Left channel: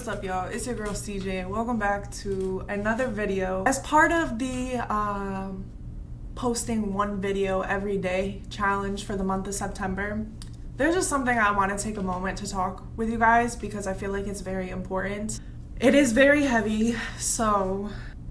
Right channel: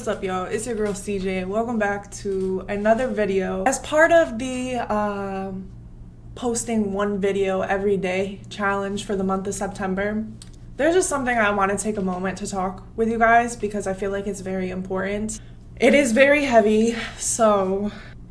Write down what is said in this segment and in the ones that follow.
What's up, y'all? It's your girl CJ. Welcome back to another video. As part of the posting one video every day challenge for the month of September, there's just something I want to take a moment to talk with you guys because I feel like it's very important. It is very heavy,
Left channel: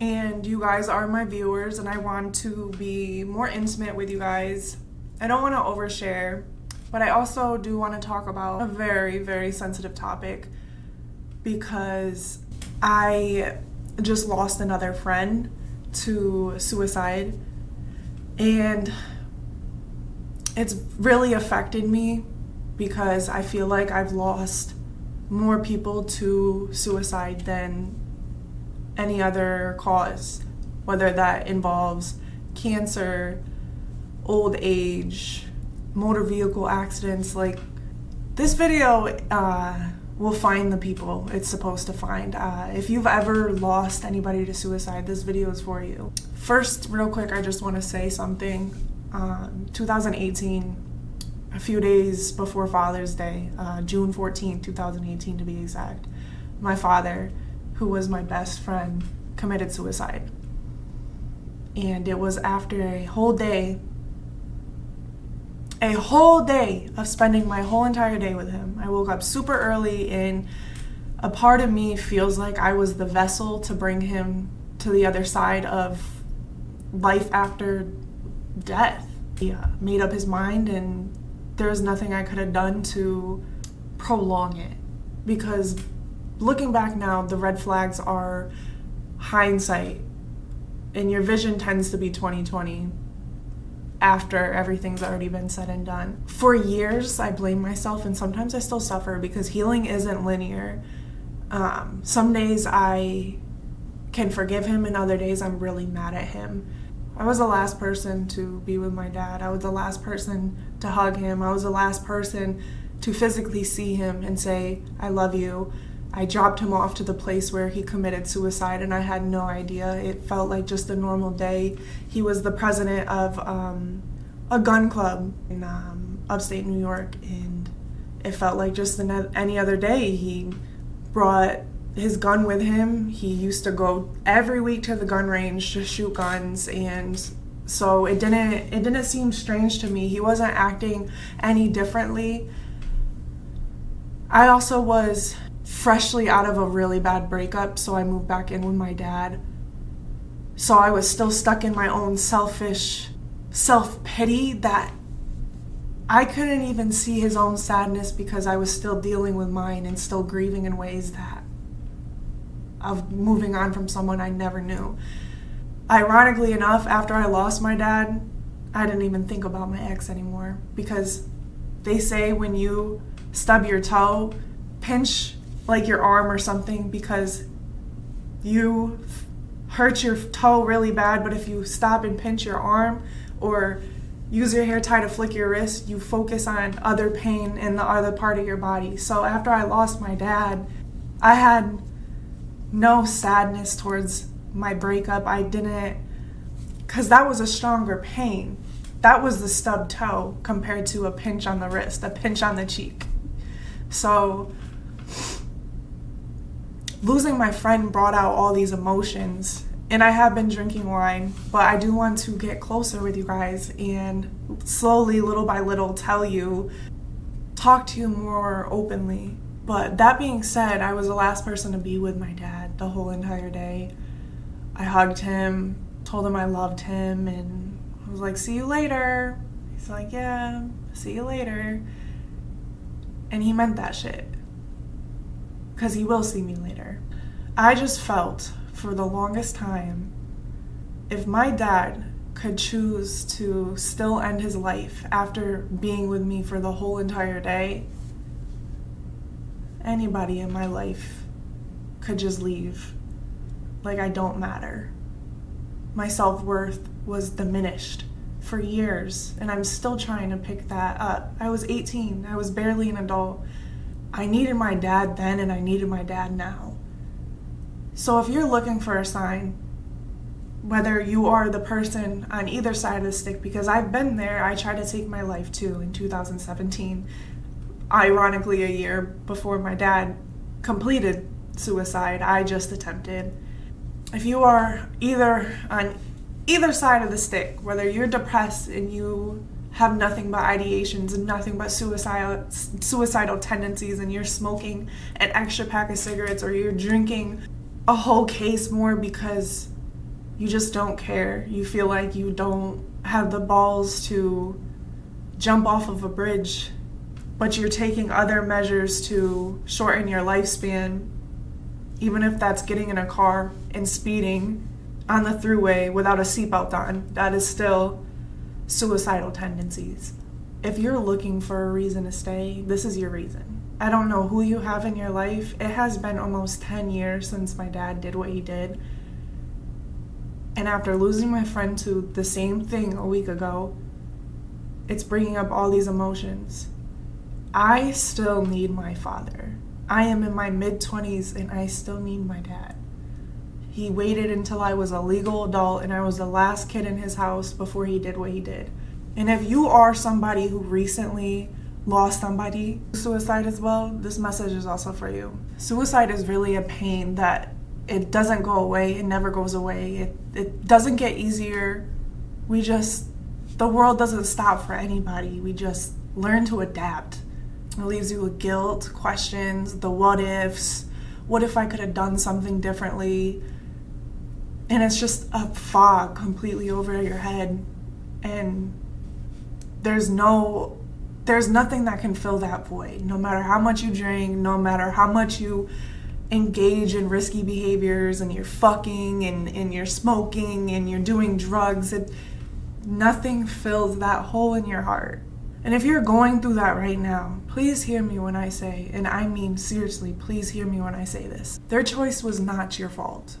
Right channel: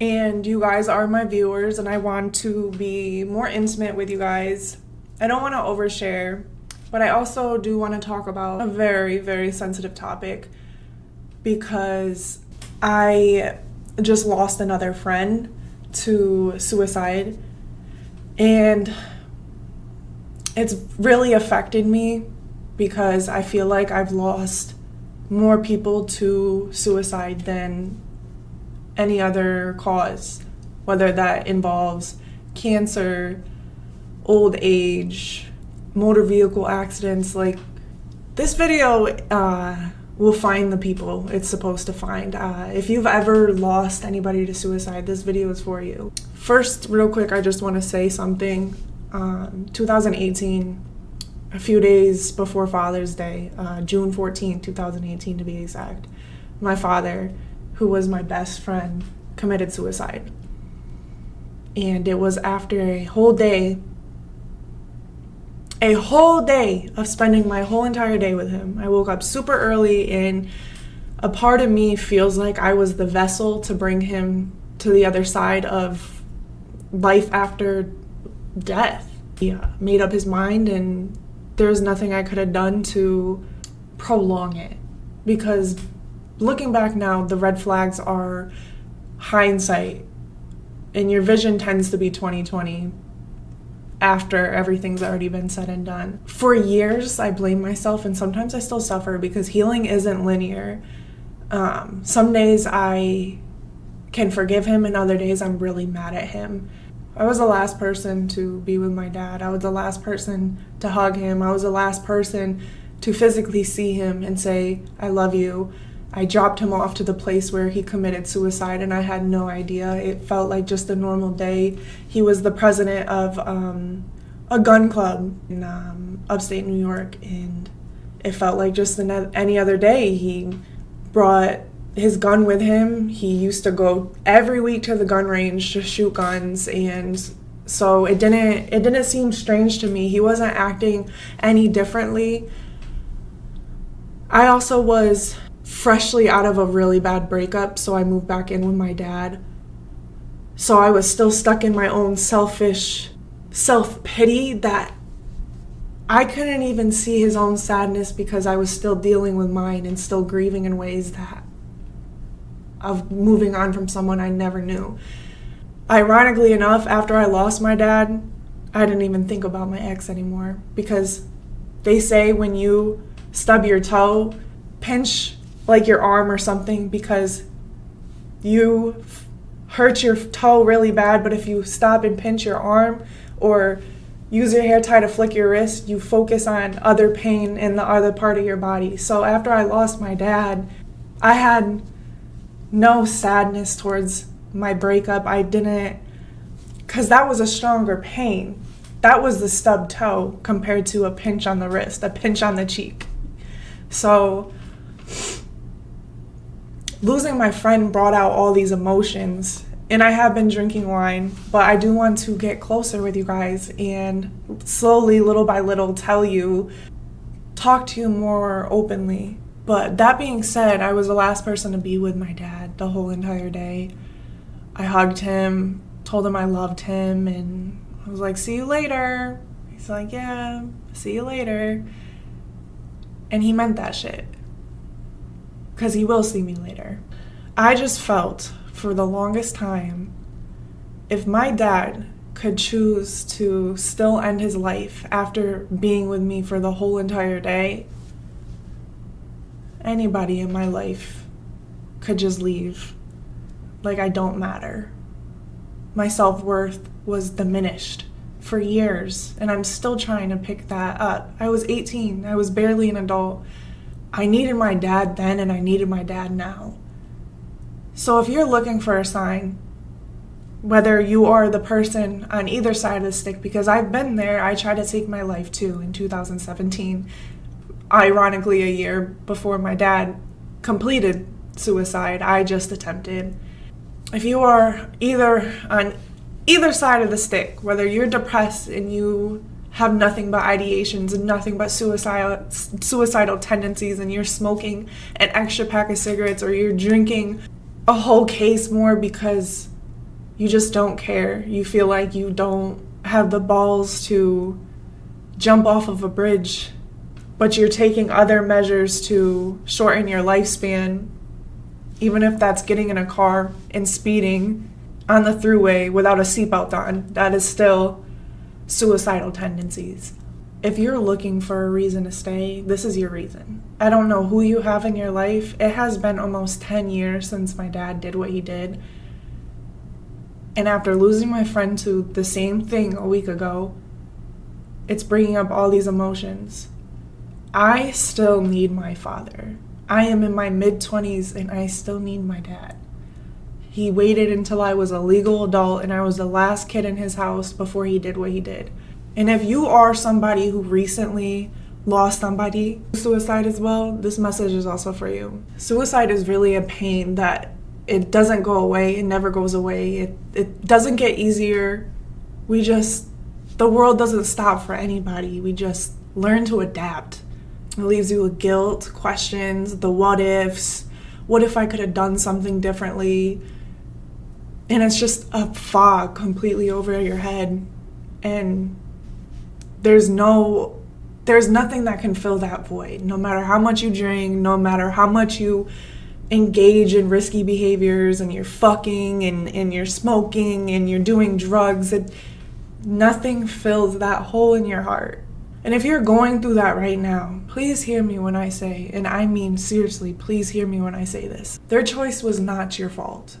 and you guys are my viewers and I want to be more intimate with you guys. I don't want to overshare, but I also do want to talk about a very, very sensitive topic because I just lost another friend to suicide, and it's really affected me because I feel like I've lost more people to suicide than any other cause, whether that involves cancer, old age, motor vehicle accidents. Like, this video will find the people it's supposed to find. If you've ever lost anybody to suicide, this video is for you. First, real quick, I just want to say something. 2018, a few days before Father's Day, June 14th, 2018 to be exact, my father, who was my best friend, committed suicide. And it was after a whole day of spending my whole entire day with him. I woke up super early, and a part of me feels like I was the vessel to bring him to the other side of life after death. He made up his mind, and there's nothing I could have done to prolong it. Because looking back now, the red flags are hindsight, and your vision tends to be 20/20 after everything's already been said and done. For years, I blamed myself, and sometimes I still suffer because healing isn't linear. Some days I can forgive him, and other days I'm really mad at him. I was the last person to be with my dad. I was the last person to hug him. I was the last person to physically see him and say, "I love you." I dropped him off to the place where he committed suicide, and I had no idea. It felt like just a normal day. He was the president of a gun club in upstate New York, and it felt like just any other day. He brought his gun with him. He used to go every week to the gun range to shoot guns, and so it didn't seem strange to me. He wasn't acting any differently. I also was freshly out of a really bad breakup, so I moved back in with my dad. So I was still stuck in my own selfish self-pity that I couldn't even see his own sadness because I was still dealing with mine and still grieving in ways of moving on from someone I never knew. Ironically enough, after I lost my dad, I didn't even think about my ex anymore, because they say when you stub your toe, pinch like your arm or something, because you hurt your toe really bad, but if you stop and pinch your arm or use your hair tie to flick your wrist, you focus on other pain in the other part of your body. So after I lost my dad, I had no sadness towards my breakup. I didn't, because that was a stronger pain. That was the stubbed toe compared to a pinch on the wrist, a pinch on the cheek. So losing my friend brought out all these emotions, and I have been drinking wine, but I do want to get closer with you guys and slowly, little by little, talk to you more openly. But that being said, I was the last person to be with my dad the whole entire day. I hugged him, told him I loved him, and I was like, "See you later." He's like, "Yeah, see you later." And he meant that shit, because he will see me later. I just felt for the longest time, if my dad could choose to still end his life after being with me for the whole entire day, anybody in my life could just leave. Like, I don't matter. My self-worth was diminished for years, and I'm still trying to pick that up. I was 18. I was barely an adult. I needed my dad then, and I needed my dad now. So if you're looking for a sign, whether you are the person on either side of the stick, because I've been there, I tried to take my life too in 2017. ironically a year before my dad completed suicide. I just attempted. If you are either on either side of the stick, whether you're depressed and you have nothing but ideations and nothing but suicidal tendencies, and you're smoking an extra pack of cigarettes, or you're drinking a whole case more because you just don't care. You feel like you don't have the balls to jump off of a bridge, but you're taking other measures to shorten your lifespan, even if that's getting in a car and speeding on the thruway without a seatbelt on. That is still suicidal tendencies. If you're looking for a reason to stay, this is your reason. I don't know who you have in your life. It has been almost 10 years since my dad did what he did. And after losing my friend to the same thing a week ago, it's bringing up all these emotions. I still need my father. I am in my mid-20s and I still need my dad. He waited until I was a legal adult and I was the last kid in his house before he did what he did. And if you are somebody who recently lost somebody to suicide as well, this message is also for you. Suicide is really a pain that it doesn't go away. It never goes away. It doesn't get easier. The world doesn't stop for anybody. We just learn to adapt. It leaves you with guilt, questions, the what ifs. What if I could have done something differently? And it's just a fog completely over your head. And there's nothing that can fill that void. No matter how much you drink, no matter how much you engage in risky behaviors, and you're fucking and you're smoking and you're doing drugs, nothing fills that hole in your heart. And if you're going through that right now, please hear me when I say, and I mean seriously, please hear me when I say this. Their choice was not your fault,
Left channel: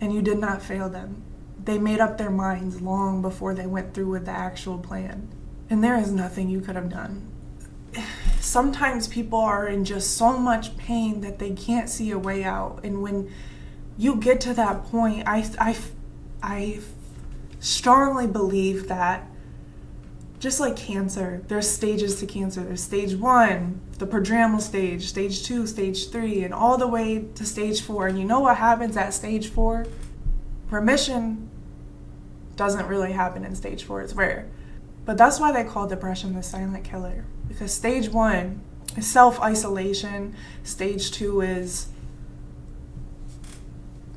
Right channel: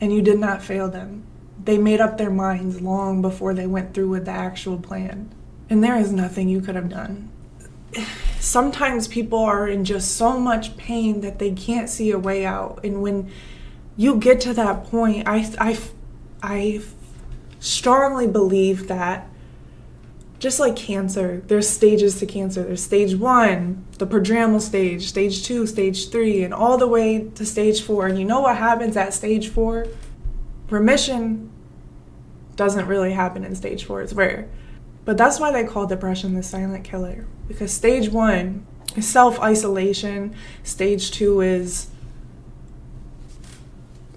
and you did not fail them. They made up their minds long before they went through with the actual plan. And there is nothing you could have done. Sometimes people are in just so much pain that they can't see a way out. And when you get to that point, I strongly believe that, just like cancer, there's stages to cancer. There's stage 1, the prodromal stage, stage 2, stage 3, and all the way to stage 4. And you know what happens at stage 4? Remission doesn't really happen in stage 4. It's rare. But that's why they call depression the silent killer. Because stage 1 is self-isolation. Stage 2 is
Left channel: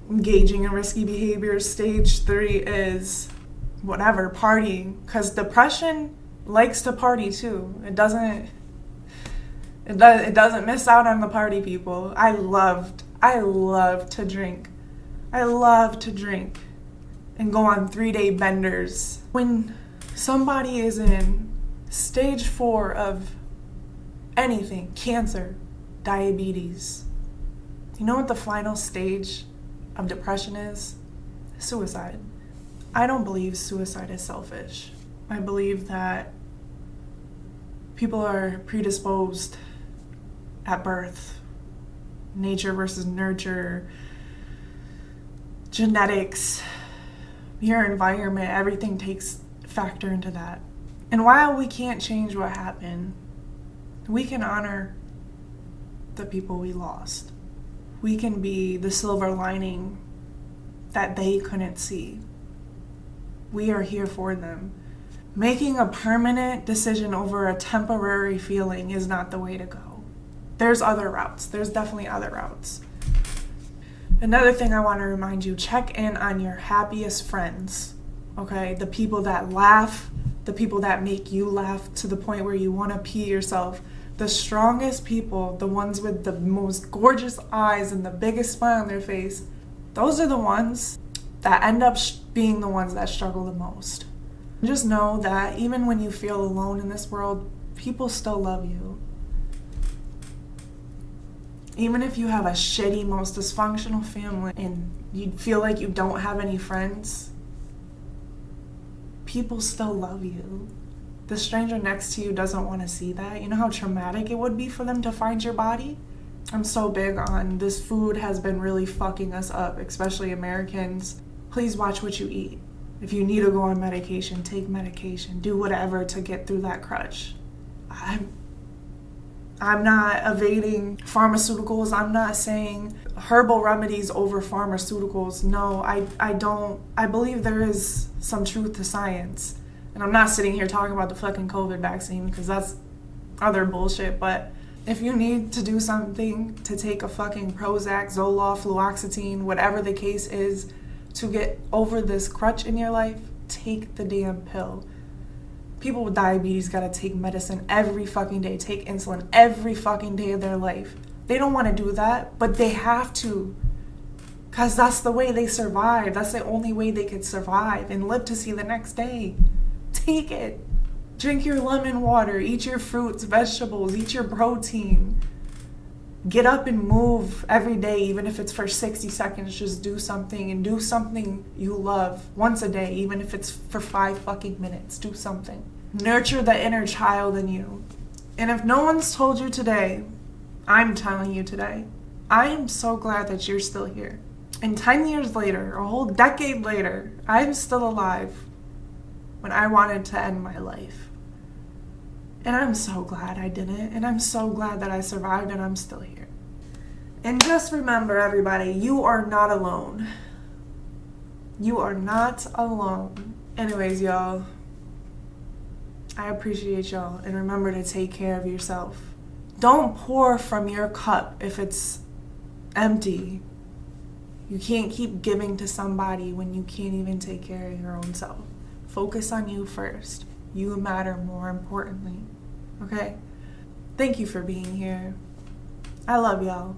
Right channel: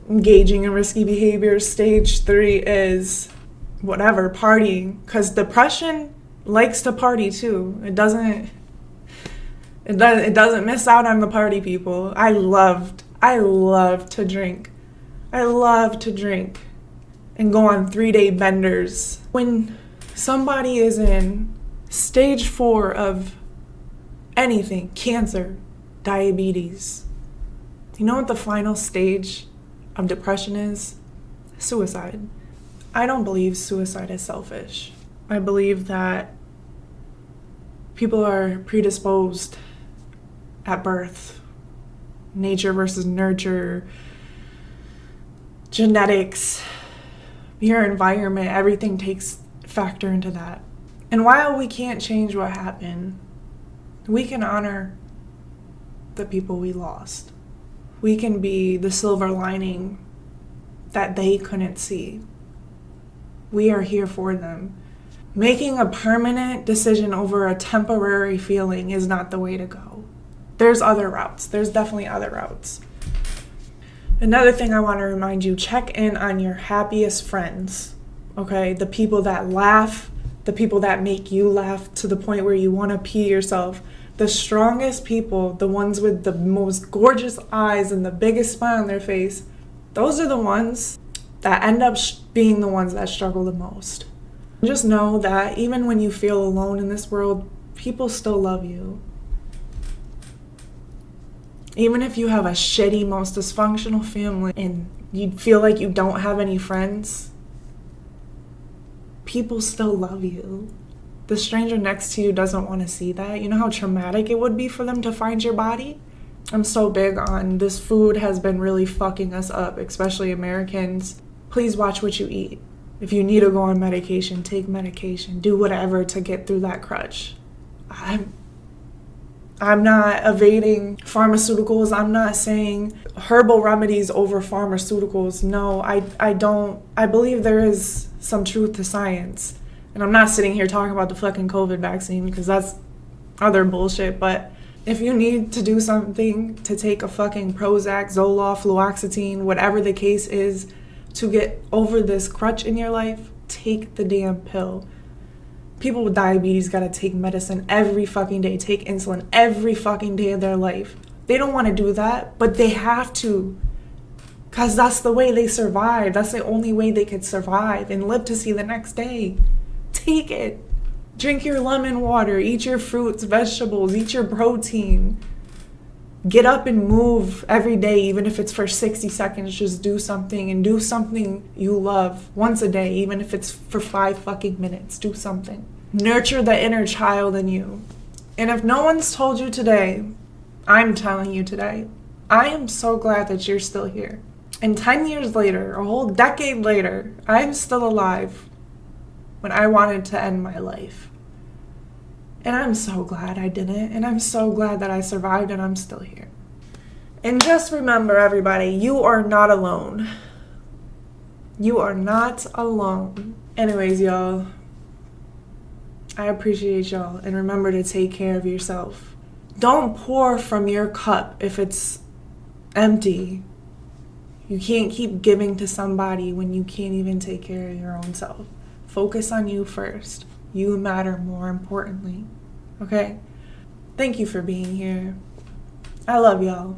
engaging in risky behaviors. Stage 3 is whatever, partying. Because depression likes to party too. It doesn't miss out on the party people. I love to drink. I love to drink and go on 3-day benders. When somebody is in stage 4 of anything, cancer, diabetes, you know what the final stage of depression is? Suicide. I don't believe suicide is selfish. I believe that people are predisposed at birth. Nature versus nurture, genetics, your environment, everything takes factor into that. And while we can't change what happened, we can honor the people we lost. We can be the silver lining that they couldn't see. We are here for them. Making a permanent decision over a temporary feeling is not the way to go. There's other routes. There's definitely other routes. Another thing I want to remind you, check in on your happiest friends, okay? The people that laugh, the people that make you laugh to the point where you want to pee yourself. The strongest people, the ones with the most gorgeous eyes and the biggest smile on their face, those are the ones that end up being the ones that struggle the most. Just know that even when you feel alone in this world, people still love you. Even if you have a shitty, most dysfunctional family and you feel like you don't have any friends, people still love you. The stranger next to you doesn't want to see that. You know how traumatic it would be for them to find your body? I'm so big on this food has been really fucking us up, especially Americans. Please watch what you eat. If you need to go on medication, take medication. Do whatever to get through that crutch. I'm not evading pharmaceuticals. I'm not saying herbal remedies over pharmaceuticals. No, I don't. I believe there is some truth to science. And I'm not sitting here talking about the fucking COVID vaccine because that's other bullshit. But if you need to do something to take a fucking Prozac, Zoloft, fluoxetine, whatever the case is, to get over this crutch in your life, take the damn pill. People with diabetes gotta take medicine every fucking day, take insulin every fucking day of their life. They don't want to do that, but they have to. Because that's the way they survive. That's the only way they could survive and live to see the next day. Take it. Drink your lemon water, eat your fruits, vegetables, eat your protein. Get up and move every day, even if it's for 60 seconds. Just do something, and do something you love once a day, even if it's for 5 fucking minutes. Do something. Nurture the inner child in you. And if no one's told you today, I'm telling you today, I am so glad that you're still here. And 10 years later, a whole decade later, I'm still alive when I wanted to end my life. And I'm so glad I didn't, and I'm so glad that I survived, and I'm still here. And just remember, everybody, you are not alone. You are not alone. Anyways, y'all, I appreciate y'all, and remember to take care of yourself. Don't pour from your cup if it's empty. You can't keep giving to somebody when you can't even take care of your own self. Focus on you first. You matter more importantly. Okay? Thank you for being here. I love y'all.